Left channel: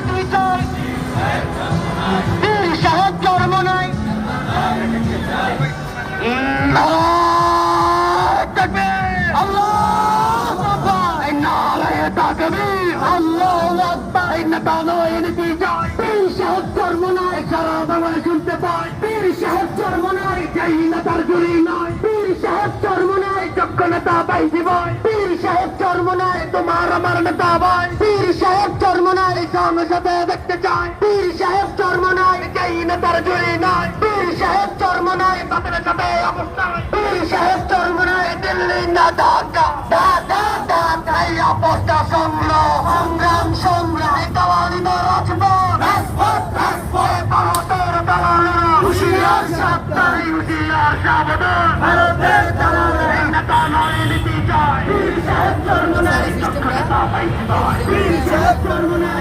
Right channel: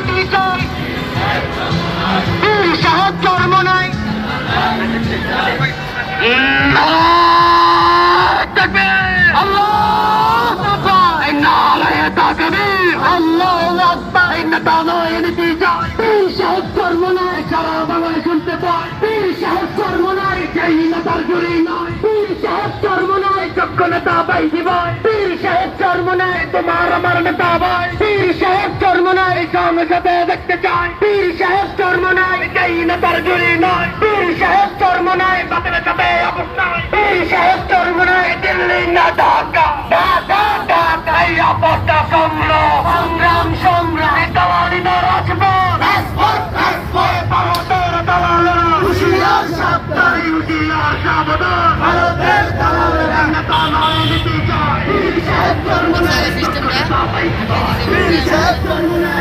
নীতি চাই, বীর সাহেব জন্ম নাই। শুনতে পাই বীর সাহেব জন্ম নাই, যেই নেতার গুলি নয়। বীর সাহেব জন্ম নাই, যোগ্য নেতা পাইছি ভাই। বীর সাহেব জন্ম নাই, তোমার আমার নেতা ভাই। বীর সাহেব জন্ম নাই, সংসদে দেখতে চাই। বীর সাহেব জন্ম নাই, যেই নেতার গুলি নয়। বীর সাহেব জন্ম নাই, বাতিল সাথে অবস্থা। বীর সাহেব জন্ম নাই, দিল্লি না ঢাকা। ঢাকা ঢাকা এই অবস্থা সংগ্রাম সংগ্রাম সংগ্রাম দালালি না রাজপথ। ভারতের দালালেরা হুঁশিয়ার সাবধান, হুঁশিয়ার সাবধান। ভারতের দালালেরা নেতা নয় নীতি চায়। বীর সাহেব জন্ম নাই, যোগ্য নেতা পাইছি ভাই। বীর সাহেব জন্ম নাই,